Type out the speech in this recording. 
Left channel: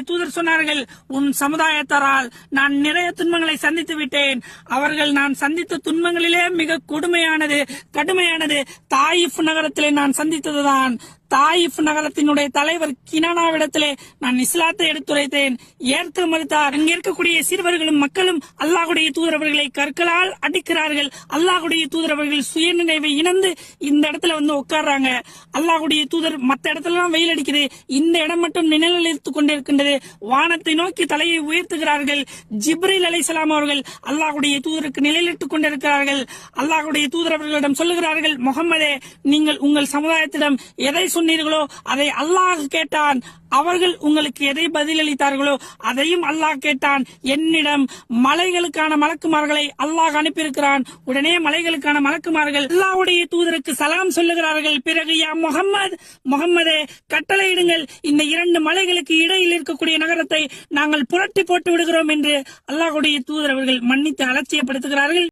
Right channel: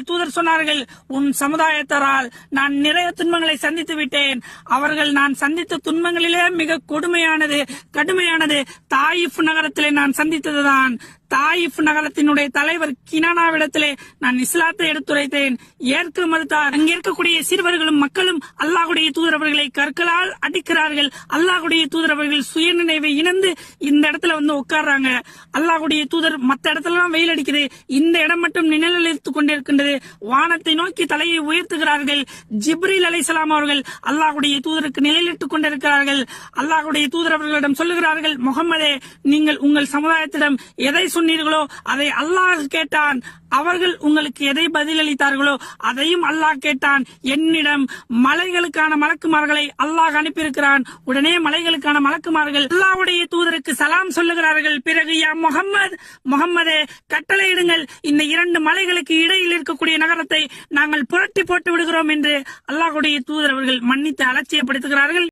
தூதர் சொன்னார்கள், உன் சமுதாயத்தாரால் நான் நிறைய துன்பங்களை சந்தித்து விட்டேன். அவர்கள் நான் சந்தித்த துன்பங்களிலே மிக கொடுமையானது, கடுமையானது தாயிஃப் நகரத்திலே நான் சந்தித்ததுதான். தாயிஃப் நகரத்தினுடைய தலைவர் கினானாவிடத்திலே நான் இஸ்லாத்தை எடுத்துரைத்தேன். ஏற்க மறுத்தார். அங்கே இருக்கக்கூடிய சிறுவர்களும் மக்களும் அல்லாஹ்வுடைய தூதரவர்களை கற்களால் அடிக்கிறார்கள். அல்லாஹ்வுடைய தூதரவர்கள் சுயநினைவை இழந்து இந்த இடத்துல வந்து உட்கார்றாங்க. அல்லாஹ்வுடைய தூதர் மற்ற இடத்துல வெயில் அடிக்குது, இந்த இடம் மட்டும் நிழலித்துக் கொண்டிருக்கின்றது. வானத்தை நோக்கி தலையை உயர்த்துகிறார்கள். ஜிப்ரீல் அலைஹிஸ்ஸலாம் அவர்கள் அல்லாஹ்வுடைய தூதருக்கு நிழலிட்டுக் கொண்டிருக்கிறார்கள். அல்லாஹ்வுடைய தூதரவர்களிடம் சொல்லுகிறார்கள், முகம்மதே, நீங்கள் உங்கள் சமுதாயத்திடம் எதை சொன்னீர்களோ அதை அல்லாஹ் கேட்டான். அவர்கள் உங்களுக்கு எதை பதிலளித்தார்களோ அதையும் அல்லாஹ் கேட்டான். என்னிடம் மலைகளுக்கான மலக்குமார்களை அல்லாஹ் அனுப்பியிருக்கிறான். உடனே மலைகளுக்கான மலக்குமார்கள் அல்லாஹ்வுடைய தூதருக்கு சலாம் சொல்லுகிறார்கள். பிறகு யா முகம்மதே, கட்டளையிடுங்கள், இந்த இரண்டு மலைகளுக்கு இடையில் இருக்கக்கூடிய நகரத்தை நாங்கள் புரட்டி போட்டு விடுகிறோம் என்று அல்லாஹ்வுடைய தூதர் அவர்கள் மன்னித்து அலட்சியப்படுத்துகிறார்கள்.